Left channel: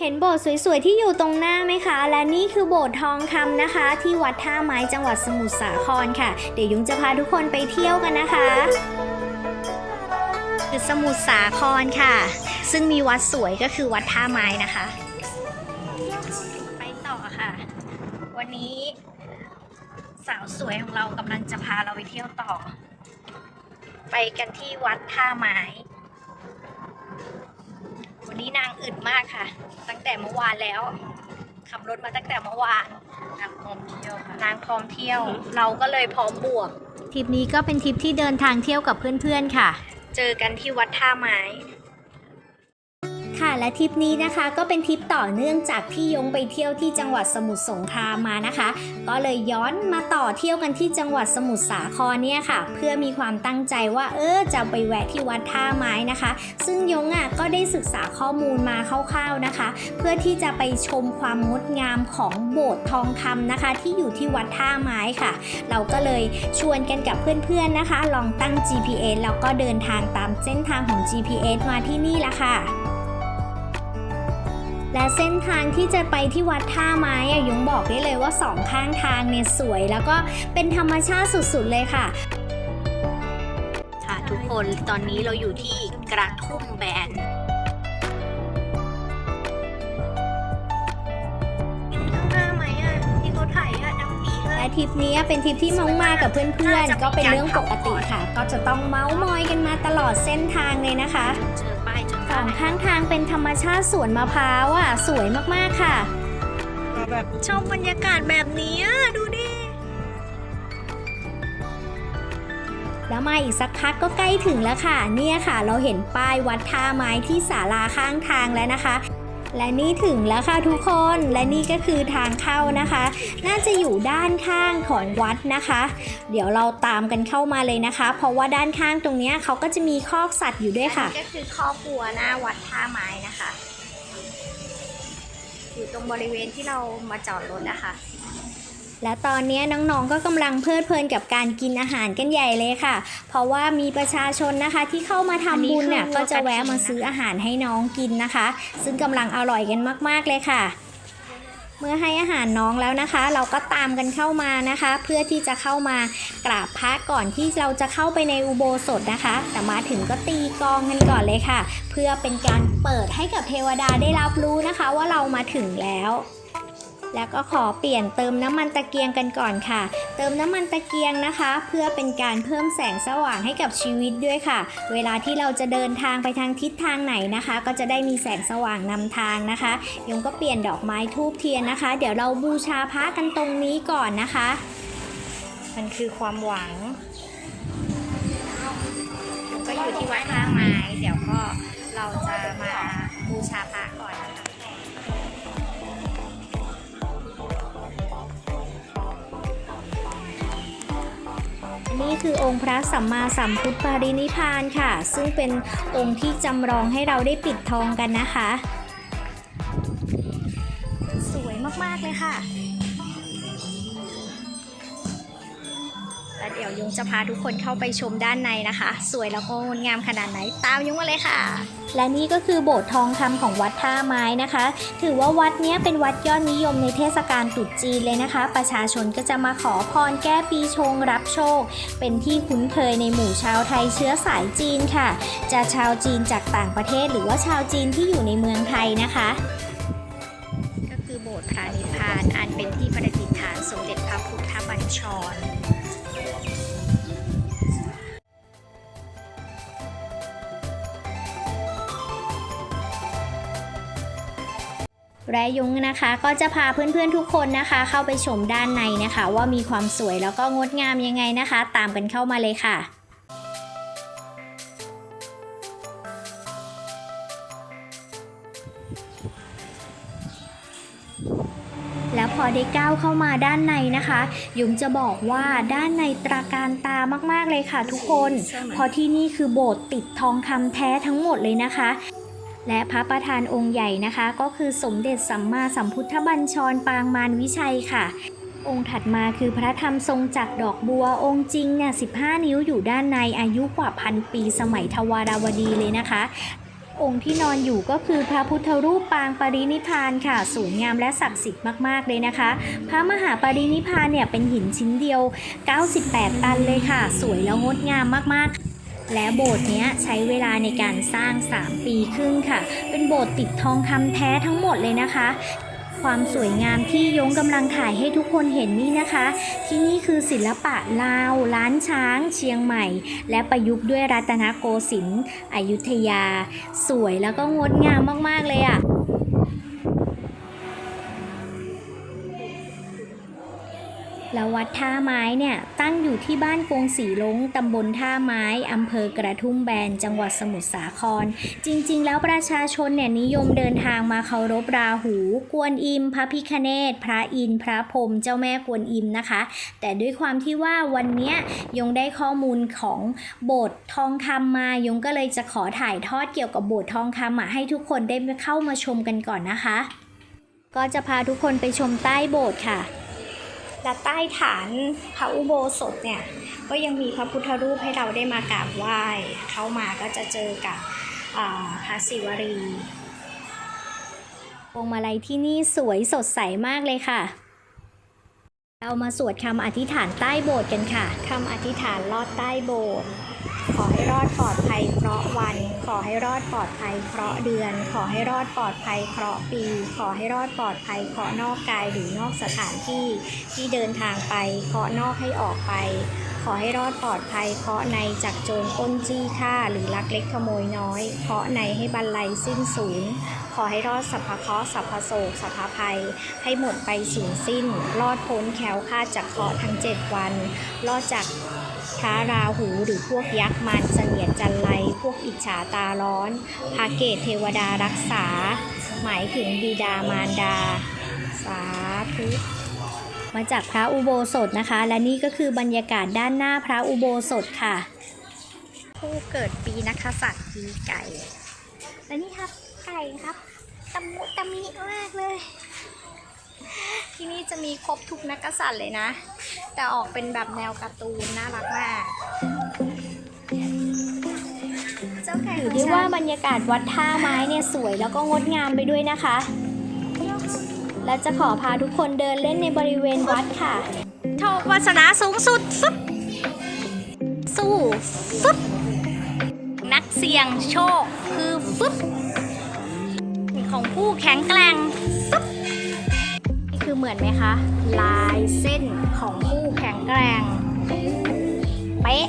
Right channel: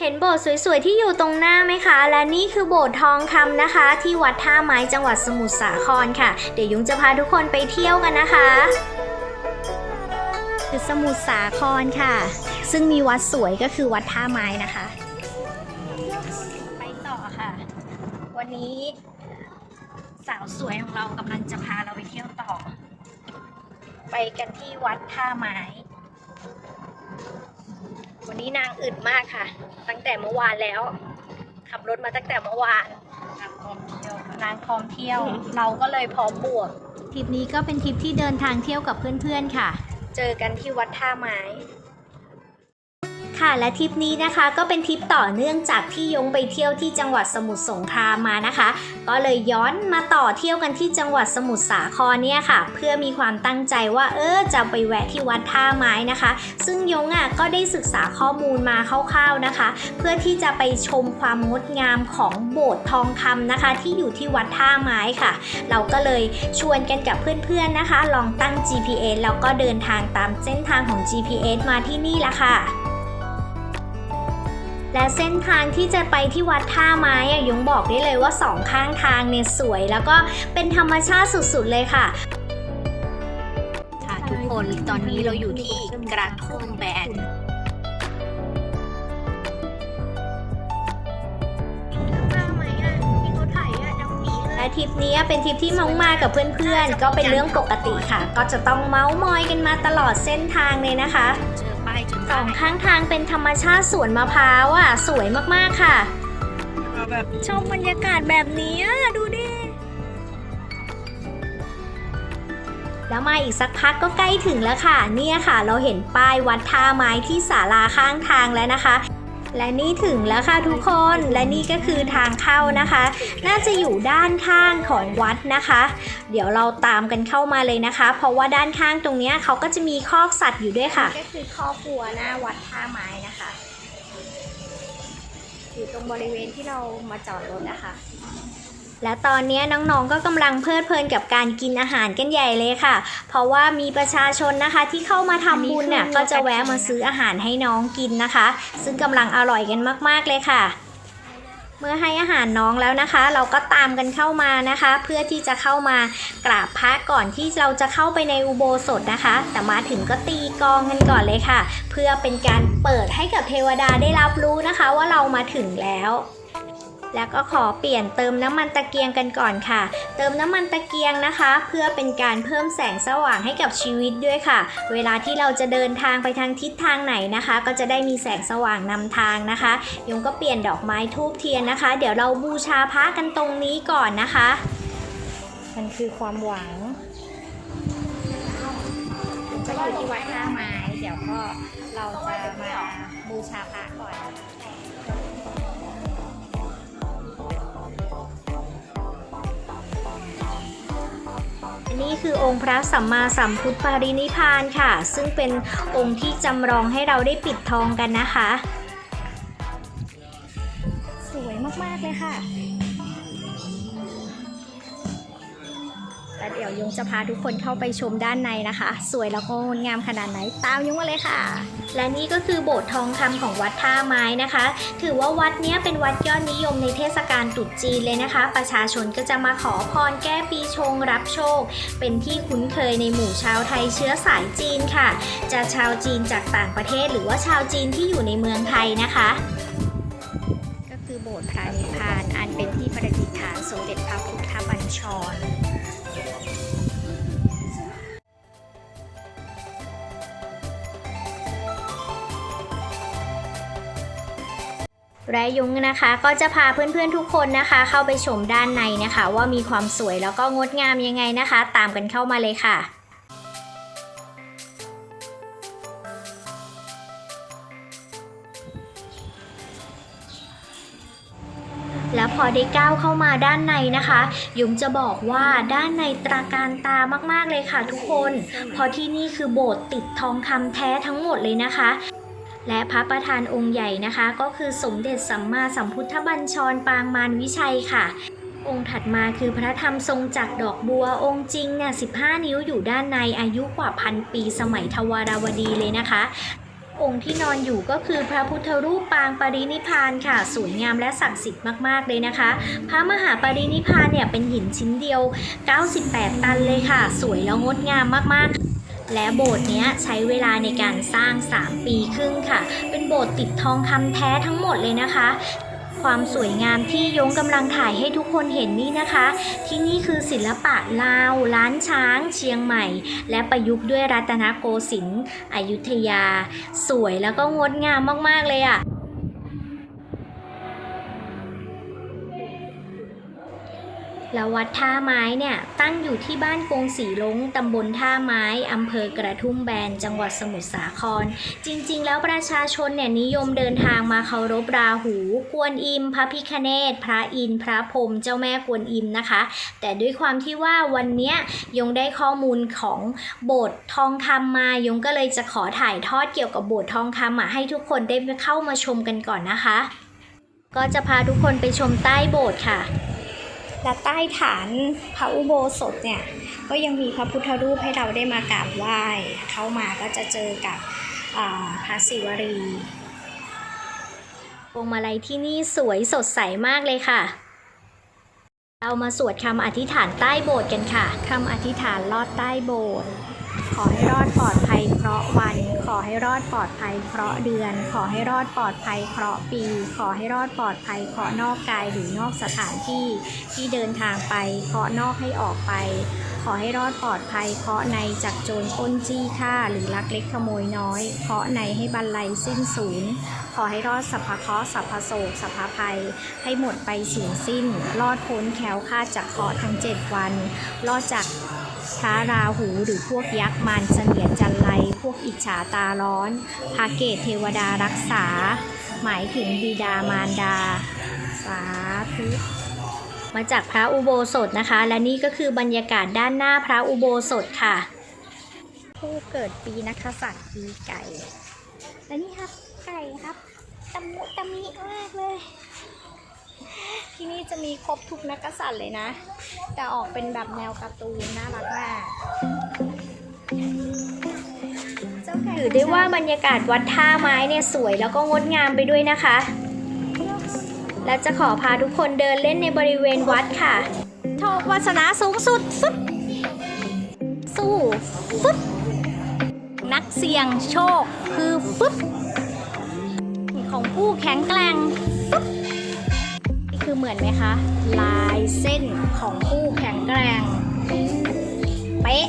เห็นโบสถ์สวยๆ ที่อยู่ตรงหน้าไหมคะ และนี่คือโบสถ์ทองคำนะคะ ที่วัดท่าไม้จังหวัดสมุทรสาครค่ะ เดี๋ยวยุงจะพาทุกคนไปเที่ยวกันนะคะคือสมุทรสาครค่ะ ซึ่งมีวัดสวยก็คือวัดท่าไม้นะคะ ไปต่อค่ะ วันนี้สาวสวยของเรากำลังจะพาเราไปเที่ยวต่อ ไปกันที่วัดท่าไม้ วันนี้นางอึดมากค่ะ ตั้งแต่เมื่อวานแล้ว ขับรถมาตั้งแต่เมื่อวานนางพร้อมเที่ยวค่ะนางพร้อมเที่ยว เราก็เลยพร้อมบวกทริปนี้ก็เป็นทริปที่เดินทางเที่ยวกับเพื่อนๆค่ะ เจอกันที่วัดท่าไม้ ค่ะและทริปนี้นะคะก็เป็นทริปต่อเนื่องจากที่ยงไปเที่ยวที่จังหวัดสมุทรสงครามมานะคะ ก็เลยย้อนมาต่อเที่ยวกันที่จังหวัดสมุทรสาครเนี่ยค่ะ เพื่อมีความตั้งใจว่าเออจะไปแวะที่วัดท่าไม้นะคะ ซึ่งยงอะก็ได้ศึกษาข้อมูลมาคร่าวๆนะคะ เพื่อที่จะไปชมความงดงามของโบสถ์ทองคำนะคะ ที่อยู่ที่วัดท่าไม้ค่ะ เราก็เลยชวนกันกับเพื่อนๆนะคะ ลองตั้ง GPS แล้วก็เดินทางตามเส้นทางของ GPS มาที่นี่ละค่ะ และเส้นทางที่จะไปที่วัดท่าไม้อะยงบอกได้เลยว่าสองข้างทางเนี่ยสวย แล้วก็เป็นธรรมชาติสุดๆเลยค่ะ ค่ะทุกคนตอนนี้เราอยู่ที่กระทุ่มแบนและทริปนี้เป็นทริปที่เมามากับเพื่อนๆ ก็เป็นเรื่องปกติค่ะ ก็จะต้องเมาส์มอยกันมาตลอดเส้นทางเลยนะคะเจอป้ายจน สองข้างทางเป็นธรรมชาติสวนมะพร้าวอะ สวยมากๆค่ะ แบบชมบรรยากาศแบบนี้อะดูดิ แล้วมาอีกสักพักก็ใกล้ถึงแล้วค่ะ เนี่ยค่ะ เราเห็นป้ายวัดท่าไม้ที่ศาลาข้างทางแล้วนะคะ และนี่ถึงแล้วค่ะทุกคนและนี่ก็คือทางเข้านะคะ น่าจะอยู่ด้านข้างของวัดนะคะ เดี๋ยวเราตามกันเข้ามาเลยนะคะ เพราะว่าด้านข้างตรงนี้เขาก็จะมีคอกสัตว์อยู่ด้วยค่ะก็คือคอกวัวหน้าวัดท่าไม้นะคะ อยู่ตรงบริเวณที่เรามาจอดรถนะคะ และตอนนี้น้องๆ ก็กำลังเพลิดเพลินกับการกินอาหารกันใหญ่เลยค่ะ เพราะว่ามีประชาชนนะคะที่เข้ามาทำบุญเนี่ยอันนี้คือก็จะแวะมาซื้ออาหารให้น้องกินนะคะ ซึ่งกำลังอร่อยกันมากๆเลยค่ะ เมื่อให้อาหารน้องแล้วนะคะ เราก็ตามกันเข้ามานะคะ เพื่อที่จะเข้ามากราบพระก่อนที่เราจะเข้าไปในอุโบสถนะคะ แต่มาถึงก็ตีกลองกันก่อนเลยค่ะ เพื่อเป็นการเปิดให้กับเทวดาได้รับรู้นะคะ ว่าเรามาถึงแล้ว แล้วก็ขอเปลี่ยนเติมน้ำมันตะเกียงกันก่อนค่ะ เติมน้ำมันตะเกียงนะคะ เพื่อเป็นการเพิ่มแสงสว่างให้กับชีวิตด้วยค่ะ เวลาที่เราจะเดินทางไปทางทิศทางไหนนะคะ ก็จะได้มีแสงสว่างนำทางนะคะยงก็เปลี่ยนดอกไม้ทูบเทียนนะคะ เดี๋ยวเราบูชาพระกันตรงนี้ก่อนนะคะ มันคือความหวังยงก็อยู่ที่วัดท่าไม้ เดี๋ยวก็เราจะมาบูชาพระก่อนนะคะ นี่คือองค์พระสัมมาสัมพุทธปรินิพพานค่ะ ซึ่งเป็นองค์ที่จำลองให้เราได้ปิดทองกันนะคะ สวยมาก ๆ เลยค่ะ แล้วเดี๋ยวยงจะพาทุกคนเข้าไปชมด้านในนะคะ สวยแล้วก็งดงามขนาดไหนตามยงมาเลยค่ะ และนี่ก็คือโบสถ์ทองคำของวัดท่าไม้นะคะ ถือว่าวัดนี้เป็นวัดยอดนิยมในเทศกาลตรุษจีนเลยนะคะ ประชาชนก็จะมาขอพรแก้ปีชงรับโชค เป็นที่คุ้นเคยในหมู่ชาวไทยเชื้อสายจีนค่ะ จะชาวจีนจากต่างประเทศ หรือว่าชาวจีนที่อยู่ในเมืองไทยนะคะก็คือโบสถ์พระนิพพานอันเป็นที่ประดิษฐานสมเด็จพระพุทธบัญชร และยุ้งนะคะ ก็จะพาเพื่อนๆทุกคนนะคะ เข้าไปชมด้านในนะคะ ว่ามีความสวยแล้วก็งดงามยังไงนะคะ ตามกันเข้ามาเลยค่ะแล้วพอได้ก้าวเข้ามาด้านในนะคะยุงจะบอกว่าด้านในตราการตามากๆเลยค่ะทุกคนเพราะที่นี่คือโบสถ์ติดทองคำแท้ทั้งหมดเลยนะคะ และพระประธานองค์ใหญ่นะคะ ก็คือสมเด็จสัมมาสัมพุทธบัญชรปางมารวิชัยค่ะ องค์ถัดมาคือพระธรรมทรงจากดอกบัวองค์จริงเนี่ย15 นิ้วอยู่ด้านในอายุกว่าพันปีสมัยทวาราวดีเลยนะคะ องค์ที่นอนอยู่ก็คือพระพุทธรูปปางปรินิพานค่ะ สวยงามและศักดิ์สิทธิ์มากๆเลยนะคะ พระมหาปรินิพพานเนี่ยเป็นหินชิ้นเดียว 98 ตันเลยค่ะ สวยแล้วงดงามมากๆ และโบสถ์เนี้ยใช้เวลาในการสร้าง 3 ปีครึ่งค่ะ เป็นโบสถ์ติดทองคำแท้ทั้งหมดเลยนะคะ ความสวยงามที่ยงกำลังถ่ายให้ทุกคนเห็นนี่นะคะ ที่นี่คือศิลปะลาว ล้านช้าง เชียงใหม่ และประยุกต์ด้วยรัตนโกสินทร์อยุธยา สวยแล้วก็งดงามมากๆเลยอะ่ะ แล้ววัดท่าไม้เนี่ยตั้งอยู่ที่บ้านกงสีลงตำบลท่าไม้อำเภอกระทุ่มแบน จังหวัดสมุทรสาคร จริง ๆ แล้วประชาชนเนี่ยนิยมเดินทางมาเคารพราหู กวนอิม พระพิคเนตพระอินพระพรมเจ้าแม่กวนอิมนะคะ แต่ด้วยความที่ว่าวันเนี้ยยงได้ข้อมูลของโบสถ์ทองคำมายงก็เลยจะขอถ่ายทอดเกี่ยวกับโบสถ์ทองคำมาให้ทุกคนได้เข้ามาชมกันก่อนนะคะ ก็จะพาทุกคนไปชมใต้โบสถ์ค่ะ และใต้ฐานพระอุโบสถเนี่ยก็ยังมีพระพุทธรูปให้เราได้มากราบไหว้เข้ามาก็จะเจอกับพระศิวรีพวงมาลัยที่นี่สวยสดใสมากเลยค่ะ เรามาสวดคำอธิษฐานใต้โบสถ์กันค่ะคำอธิษฐานลอดใต้โบสถ์ ขอให้รอดปลอดภัยเพราะวัน ขอให้รอดปลอดภัยเพราะเดือน ขอให้รอดปลอดภัยเพราะปี ขอให้รอดปลอดภัยเพราะนอกกายหรือนอกสถานที่ที่เดินทางไป เพราะนอกให้ออกไป ขอให้รอดปลอดภัย เพราะในจากโจรป้นจี้ฆ่าหรือลักเล็กขโมยน้อย เพราะในให้บรรลัยสิ้นสูญขอให้รอดสัพพเคราะห์สัพพโศกสัพพภัย ให้หมดไปสูญสิ้น รอดพ้นแคล้วคลาดจากเคราะห์ทั้งเจ็ดวัน รอดจาก พระราหูหรือพวกยักษ์มารเสนียดจันไรพวกอิจฉาตาร้อนพระเกตเทวดารักษา หมายถึงบิดามารดา สาธุมาจากพระอุโบสถนะคะ และนี่ก็คือบรรยากาศด้านหน้าพระอุโบสถค่ะ ผู้เกิดปีนักขสัตว์ปีไก่ และนี่ครับไก่ครับตะมุตะมิมากเลย ที่นี่จะมีครบทุกนักกษัตริย์เลยนะ แต่ออกเป็นแบบแนวการ์ตูนน่ารักมากถือได้ว่าบรรยากาศวัดท่าไม้เนี่ยสวยแล้วก็งดงามไปด้วยนะคะ และจะขอพาทุกคนเดินเล่นในบริเวณวัดค่ะโชควาสนาสูงสุดฟึบสู้ฟึบนักเสี่ยงโชคคือฟึบของผู้แข็งแกร่งฟึบนี่ คือเหมือนไหมคะ ลายเส้นของผู้แข็งแกร่ง เป๊ะ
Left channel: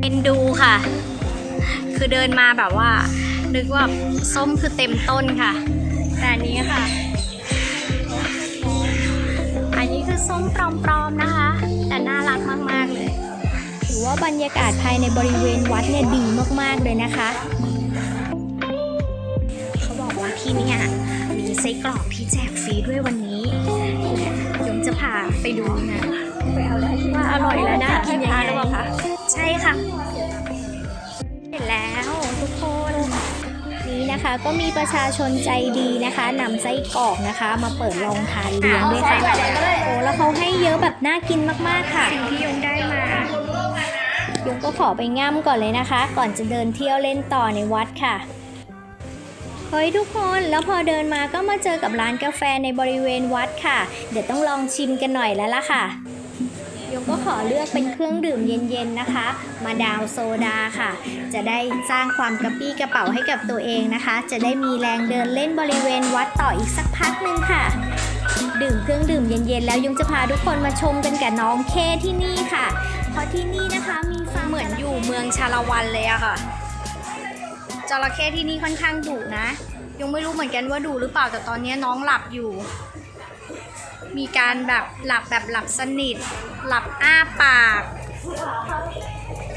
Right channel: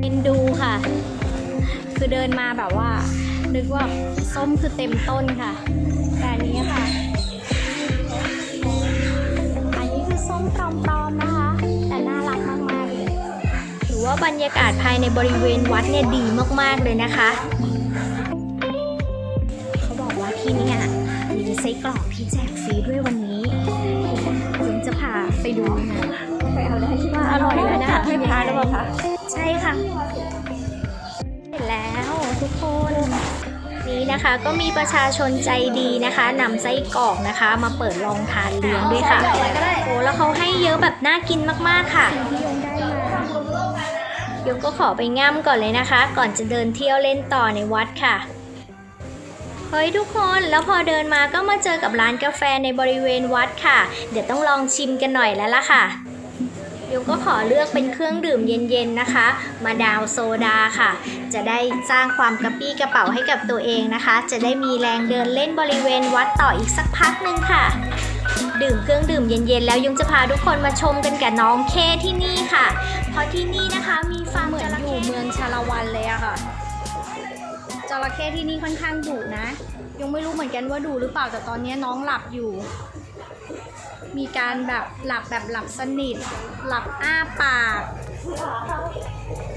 เอ็นดูค่ะ คือเดินมาแบบว่า นึกว่าส้มคือเต็มต้นค่ะ แต่อันนี้ค่ะ อันนี้คือส้มปลอมๆนะคะ แต่น่ารักมากๆเลย ถือว่าบรรยากาศภายในบริเวณวัดเนี่ยดีมากๆเลยนะคะ ที่เนี่ยมีไส้กรอกที่แจกฟรีด้วยวันนี้ยงจะพาไปดูนะว่าอร่อยและน่ากินยังไงใช่ค่ะ เสร็จแล้วทุกคนนี้นะคะก็มีประชาชนใจดีนะคะนำไส้กรอกนะคะ มาเปิดลองทานเลี้ยงด้วยค่ะโอ้แล้วเขาให้เยอะแบบน่ากินมากๆค่ะสิ่งที่ยงได้มายงก็ขอไปง่ำก่อนเลยนะคะ ก่อนจะเดินเที่ยวเล่นต่อในวัดค่ะ เฮ้ยทุกคนแล้วพอเดินมาก็มาเจอกับร้านกาแฟในบริเวณวัดค่ะ เดี๋ยวต้องลองชิมกันหน่อยแล้วล่ะค่ะยงก็ขอเลือกเป็นเครื่องดื่มเย็นๆนะคะ มาดาวโซดาค่ะ จะได้สร้างความกระปี้กระเป๋าให้กับตัวเองนะคะ จะได้มีแรงเดินเล่นบริเวณวัดต่ออีกสักพักหนึ่งค่ะ ดื่มเครื่องดื่มเย็นๆ แล้วยงจะพาทุกคนมาชมกันกับน้องเคที่นี่ค่ะ เพราะที่นี่นะคะมีฟาร์มเหมือนอยู่เมืองชาละวันเลยอะค่ะ ระเข้ที่นี่ค่อนข้างดุนะ ยังไม่รู้เหมือนกันว่าดุหรือเปล่าแต่ตอนนี้น้องหลับอยู่ มีการแบบหลับแบบหลับสนิท หลับอ้าปาก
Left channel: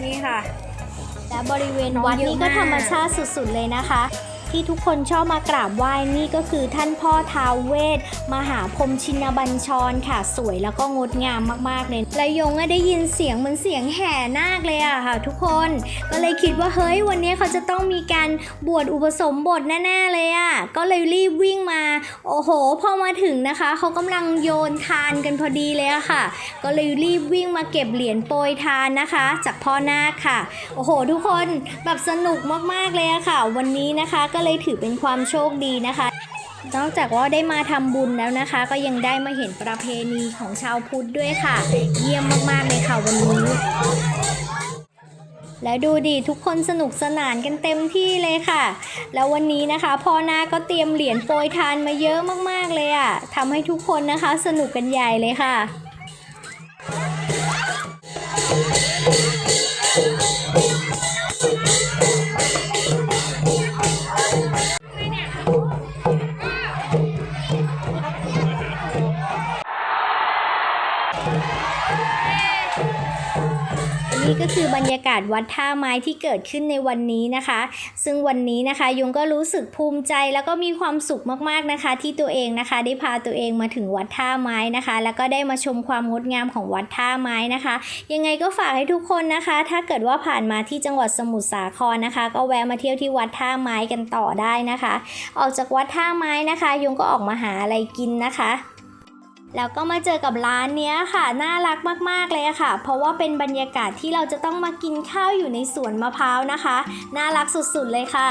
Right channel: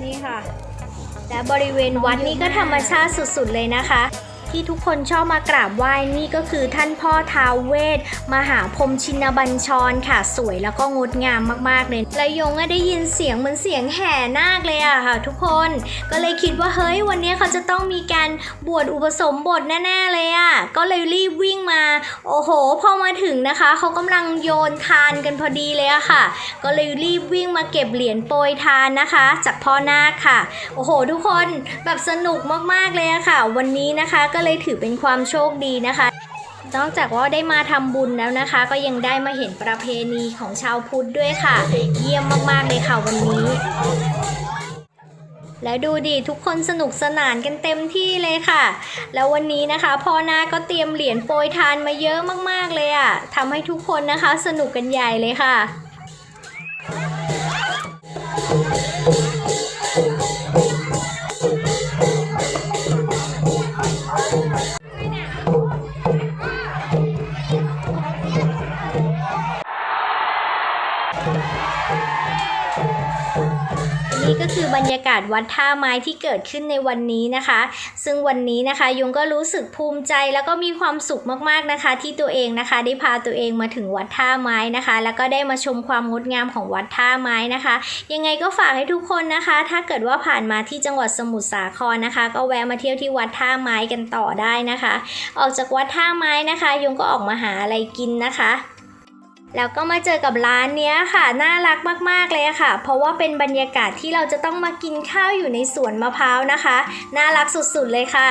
นี่ค่ะ และบริเวณวัดนี้ก็ธรรมชาติสุดๆเลยนะคะ ที่ทุกคนชอบมากราบไหว้นี่ก็คือท่านพ่อท้าวเวทมหาพรมชินบัญชรค่ะสวยแล้วก็งดงามมากๆเลยและยงได้ยินเสียงเหมือนเสียงแห่นาคเลยอะค่ะ ทุกคนก็เลยคิดว่าเฮ้ยวันนี้เขาจะต้องมีการบวชอุปสมบทแน่ๆเลยอะก็เลยรีบวิ่งมา โอ้โห พอมาถึงนะคะเขากำลังโยนทานกันพอดีเลยอะค่ะ ก็เลยรีบวิ่งมาเก็บเหรียญโปรยทานนะคะ จากพ่อนาคค่ะ โอ้โห ทุกคนแบบสนุกมากๆเลยอะค่ะ วันนี้นะคะก็เลยถือเป็นความโชคดีนะคะนอกจากว่าได้มาทำบุญแล้วนะคะ ก็ยังได้มาเห็นประเพณีของชาวพุทธด้วยค่ะ เยี่ยมมากๆเลยค่ะวันนี้ แล้วดูดิทุกคนสนุกสนานกันเต็มที่เลยค่ะ แล้ววันนี้นะคะพ่อนาก็เตรียมเหรียญโปรยทานมาเยอะมากๆเลยอะ่ะทำให้ทุกคนนะคะสนุกกันใหญ่เลยค่ะ นี่ก็คือบรรยากาศวัดท่าไม้ที่เกิดขึ้นในวันนี้นะคะ ซึ่งวันนี้นะคะยงก็รู้สึกภูมิใจแล้วก็มีความสุขมากๆนะคะ ที่ตัวเองนะคะได้พาตัวเองมาถึงวัดท่าไม้นะคะ แล้วก็ได้มาชมความงดงามของวัดท่าไม้นะคะ ยังไงก็ฝากให้ทุกคนนะคะ ถ้าเกิดว่าผ่านมาที่จังหวัดสมุทรสาครนะคะ ก็แวะมาเที่ยวที่วัดท่าไม้กันต่อได้นะคะ ออกจากวัดท่าไม้นะคะ ยงก็ออกมาหาอะไรกินนะคะ แล้วก็มาเจอกับร้านเนี้ยค่ะ น่ารักมากๆเลยค่ะ เพราะว่าเป็นบรรยากาศที่เราจะต้องมากินข้าวอยู่ในสวนมะพร้าวนะคะ น่ารักสุดๆเลยค่ะ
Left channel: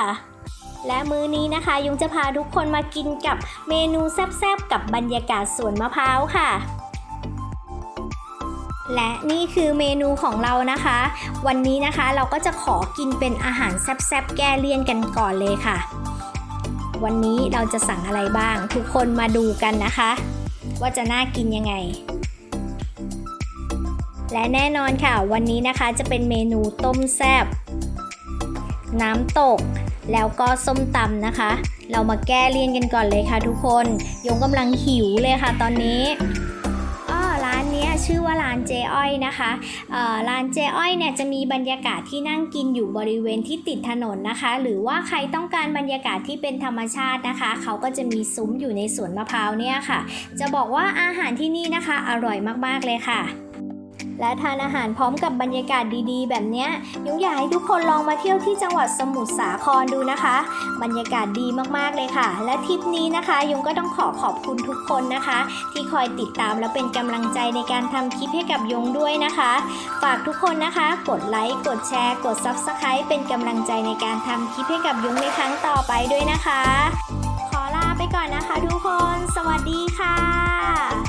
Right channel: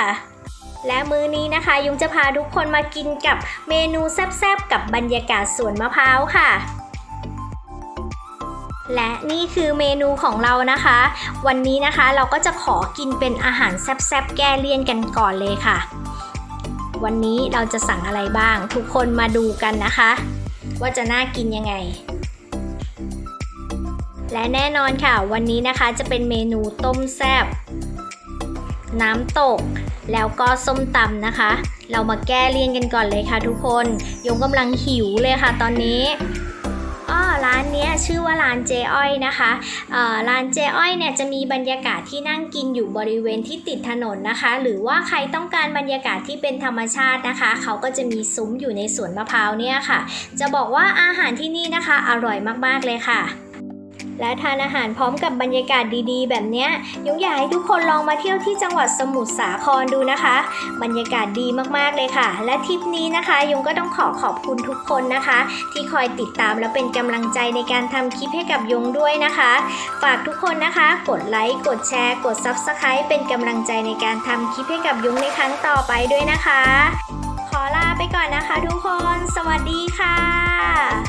และมื้อนี้นะคะ ยุงจะพาทุกคนมากินกับเมนูแซ่บๆ กับบรรยากาศสวนมะพร้าวค่ะ และนี่คือเมนูของเรานะคะ วันนี้นะคะเราก็จะขอกินเป็นอาหารแซ่บๆ แก้เลี่ยนกันก่อนเลยค่ะ วันนี้เราจะสั่งอะไรบ้าง ทุกคนมาดูกันนะคะ ว่าจะน่ากินยังไง และแน่นอนค่ะ วันนี้นะคะจะเป็นเมนูต้มแซบน้ำตก แล้วก็ส้มตำนะคะ เรามาแก้เลี่ยนกันก่อนเลยค่ะทุกคน ยงกำลังหิวเลยค่ะตอนนี้านนี้ชื่อว่าร้านเจอ้อยนะคะร้านเจอ้อยเนี่ยจะมีบรรยากาศที่นั่งกินอยู่บริเวณที่ติดถนนนะคะ หรือว่าใครต้องการบรรยากาศที่เป็นธรรมชาตินะคะ เขาก็จะมีซุ้มอยู่ในสวนมะพร้าวเนี่ยค่ะ จะบอกว่าอาหารที่นี่นะคะ อร่อยมากๆเลยค่ะ และทานอาหารพร้อมกับบรรยากาศดีๆ แบบเนี้ยยงอยากให้ทุกคนลองมาเที่ยวที่จังหวัดสมุทรสาครดูนะคะ บรรยากาศดีมากๆเลยค่ะ และทริปนี้นะคะ ยงก็ต้องขอขอบคุณทุกคนนะคะ ที่คอยติดตามและเป็นกำลังใจในการทำคลิปให้กับยงด้วยนะคะ ฝากทุกคนนะคะ กดไลค์กดแชร์ กด Subscribe เป็นกำลังใจในการทำคลิปให้กับยงในครั้งต่อไปด้วยนะคะ ขอลาไปก่อนนะคะทุกคน สวัสดีค่ะ